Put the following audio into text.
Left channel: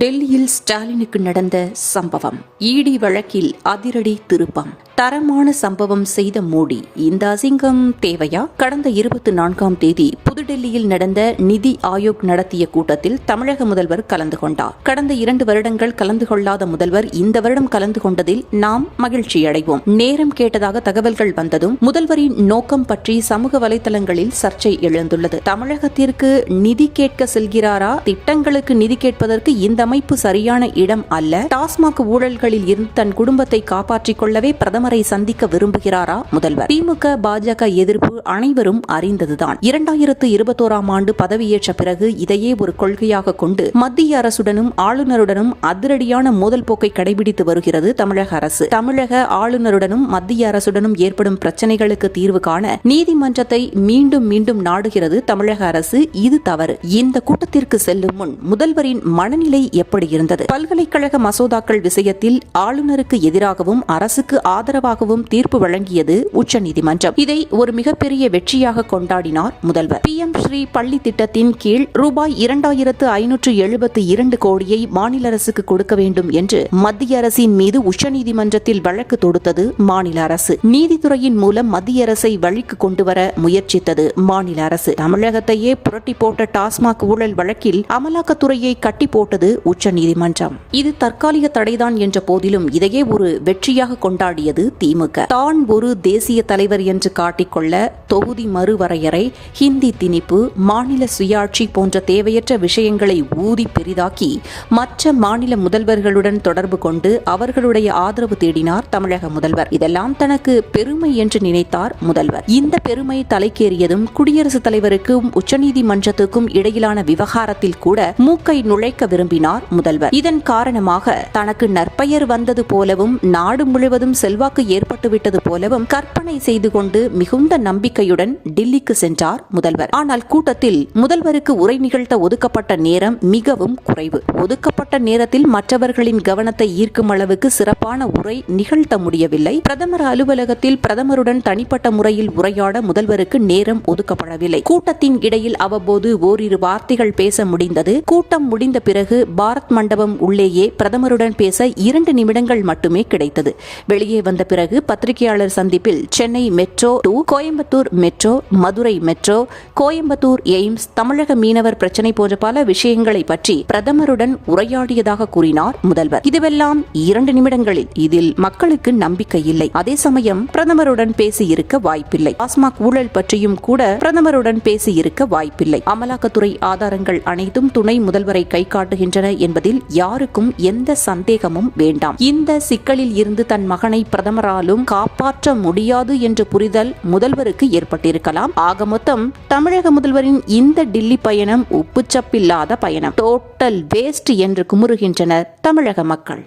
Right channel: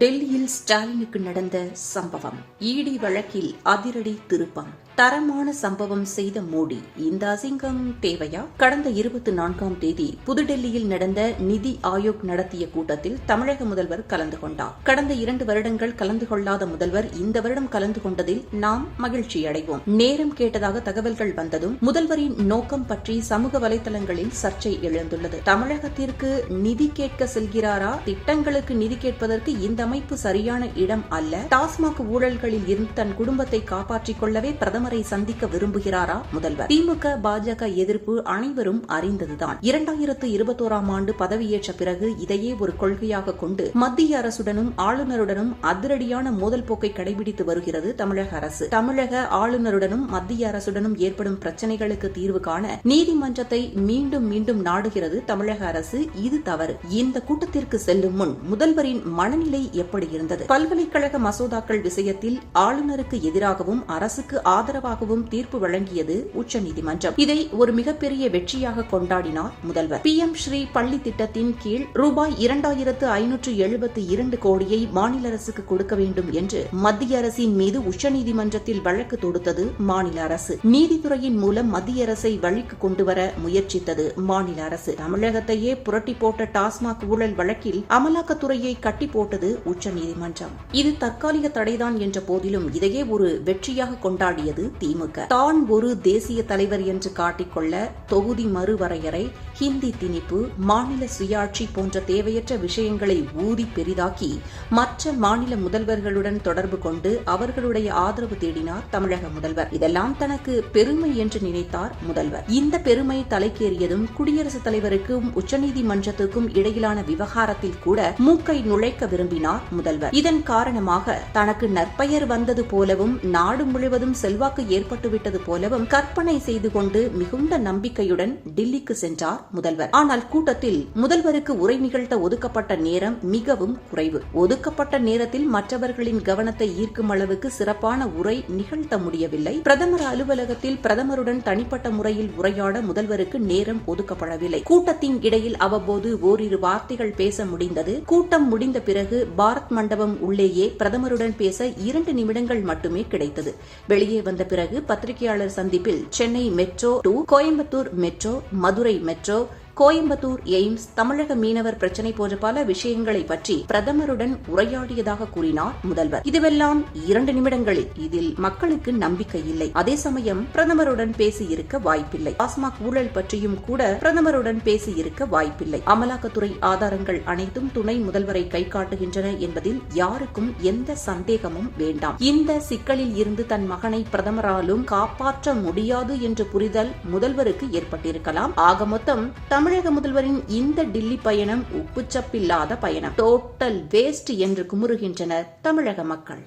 டெல்லியில் ஸ்டாலினுக்கு நடந்த சம்பவம். இடி வழக்கில் அதிரடி திருப்பம். தரமான சம்பவம் செய்த மோடி. இந்த அசிங்கம் தேவையா? கடந்த 24ஆம் தேதி புதுடெல்லியில் நடந்த நிதி ஆயோக் நடத்திய கூட்டத்தில் தமிழக முதல்வர் கலந்து கொண்டார். கடந்த 2 வருடங்கள் கலந்து கொள்ளாத முதல்வர் இந்த வருடம் கலந்து கொண்டதில் நாம் மகிழ்ச்சி அடைவோம். நேரம் கேட்டதாக தகவல்கள் வந்ததும் முதல்வரின் நோக்கம் பற்றி சமூக வலைதளங்களில் சர்ச்சை எழுந்துள்ளது. தமிழகத்திற்கு நிதி கேட்க செல்கிறாரா? திட்டங்களுக்கு நிதி கேட்பதற்கு இந்த அமைப்பு சரியான இடம் அல்ல. டாஸ்மாக் ஊழல்களில் இருந்து தன் குடும்பத்தை காப்பாற்றிக் கொள்ளவே பிரதமரை சந்திக்க விரும்புகிறாரா முதல்வர்? திமுக பாஜக எதிர்ப்பு அனைவரும் அறிந்ததுதான். 2021ஆம் ஆண்டு பதவியேற்ற பிறகு இதையே ஒரு கொள்கையாக கொண்டு மத்திய அரசுடனும் ஆளுநருடனும் அதிரடியான மோதல் போக்கை கடைபிடித்து வருகிறது தமிழக அரசு. தமிழக ஆளுநருடனும் மத்திய அரசுடனும் ஏற்படும் பிரச்சனைகளுக்கு தீர்வு காண நீதிமன்றத்தை மீண்டும் மீண்டும் நாடுகிறது தமிழக அரசு. இது தவறு. இந்த கூட்டத்திற்கு செல்லும் முன் முதல்வரின் மனநிலை எப்படி இருந்தது? பல்கலைக்கழக மசோதாக்கள் விஷயத்தில் ஆளுநருக்கு எதிராகவும் அரசுக்கு ஆதரவாகவும் தீர்ப்பு வழங்கியது உச்சநீதிமன்றம். இதை ஒரு மிகப்பெரிய வெற்றியாக கொண்டாடினார் முதல்வர். PM ஸ்ரீ பள்ளி திட்டத்தின் கீழ் ரூபாய் 2572 கோடியை மாநில அரசுக்கு கொடுக்க வேண்டும் என்று மத்திய அரசின் மீது உச்சநீதிமன்றத்தில் வழக்கு தொடுத்தது மாநில அரசு. நீதித்துறையின் மூலம் மத்திய அரசை வழிக்கு கொண்டுவர முயற்சித்தது மாநில அரசு. தமிழகத்தையே புரட்டி போட்ட டாஸ்மாக் ஊழல் வழக்கில் அமலாக்கத்துறையை கட்டி போட்டது உச்சநீதிமன்றம். இது தற்காலிக தடைதான் என்ற போதிலும் இதையே ஒரு வெற்றியாக கொண்டாடியது திமுக. தான் ஒரு தேசிய தலைவர் என்று காட்டிக்கொள்ள தொகுதி மறுவரையறை, ஹிந்தி திணிப்பு, மாநில சுயாட்சி போன்ற தேவையற்ற விஷயங்களை ஊதி பெரிதாக்கி மற்ற மாநில முதல்வர்களுடன் தொடர்பு கொண்டு அவர்களுடைய ஆதரவு தேடினார் தமிழக முதல்வர். இதெல்லாம் தனக்கு பெருமை என்று நினைத்தார் முதல்வர். இந்த பெருமை தலைக்கேறியதும் குடியரசுத் தலைவருக்கும் உச்சநீதிமன்றத்துக்கும் இடையிலான விவகாரத்தில் கூட மூக்கை நுழைக்க விரும்பினார் முதல்வர். இதன் காரணமாக தனக்கு நற்பெயர் வந்தது போலவும் நாடு முழுவதும் செல்வாக்கு ஏற்பட்டுவிட்டது போலவும் கற்பனை செய்து கொண்டு மிகுந்த நம்பிக்கையுடன் டில்லிக்கு சென்றார் முதல்வர். ஆனால் கூட்டத்தில் முதல்வருக்கு உரை நிகழ்த்த ஒதுக்கப்பட்ட நேரம் மிகவும் குறைவு. ஒதுக்கப்பட்ட நேரத்தில் மற்றவர்களின் கவனத்தை ஈர்க்கும் அளவுக்கு சிறப்பான உரை நிகழ்த்த முடியவில்லை. பிரதமர் அலுவலகத்தில் பிரதமருடன் தனிப்பட்ட முறையில் உரையாட முதல்வருக்கு நேரம் ஒதுக்கப்படவில்லை. கூட்டத்தின் இடையில் அவ்வப்போது ஓரிரு வார்த்தைகள் பேச முடிந்தது. கூட்டம் முடிந்த பிறகு பாரத் மண்டபம் உள்ளேயே பிரதமருடன் பேச 2 நிமிடங்கள் மட்டுமே கிடைத்தது. வெளியே வந்த பிறகு பத்திரிகையாளர் சந்திப்பில் Chennai metro 2, Coimbatore metro, Madurai metro, Coimbatore AIIMS, தமிழக மீனவர் பிரச்சனை போன்ற பல விஷயங்களை பற்றி பிரதமருடன் உரையாடியதாக கூறினார் முதல்வர். இதுவெல்லாம் 2 நிமிடங்களில். இதில் மக்களுக்கு நம்பிக்கை இல்லை. அதே சமயம் பிரதமருடன் பேசியிருக்க வாய்ப்பில்லை. டாஸ்மாக் ஊழல் பற்றியும் கூட பிரதமருடன் பேசியிருக்க வாய்ப்பில்லை. அமலாக்கத்துறை ஆதாரங்கள் அனைத்தும் துணை முதல்வரை கை காட்டுகின்றன என்பதில் யாருக்கும் எந்த சந்தேகமும் வேண்டாம். இந்த சிக்கலில் இருந்து தன் மகனை பிரதமராலும் காப்பாற்ற முடியாது என்ற புரிதல் முதல்வருக்கு ஏற்பட்டிருக்கலாம். ஆக மொத்தம் தமிழக முதல்வரின் இந்த டில்லி பயணம் உப்புச்சப்பில்லாத பயணம். டோட்டல் வேஸ்ட் என்று குமுறுகின்றனர் தமிழக மக்கள்.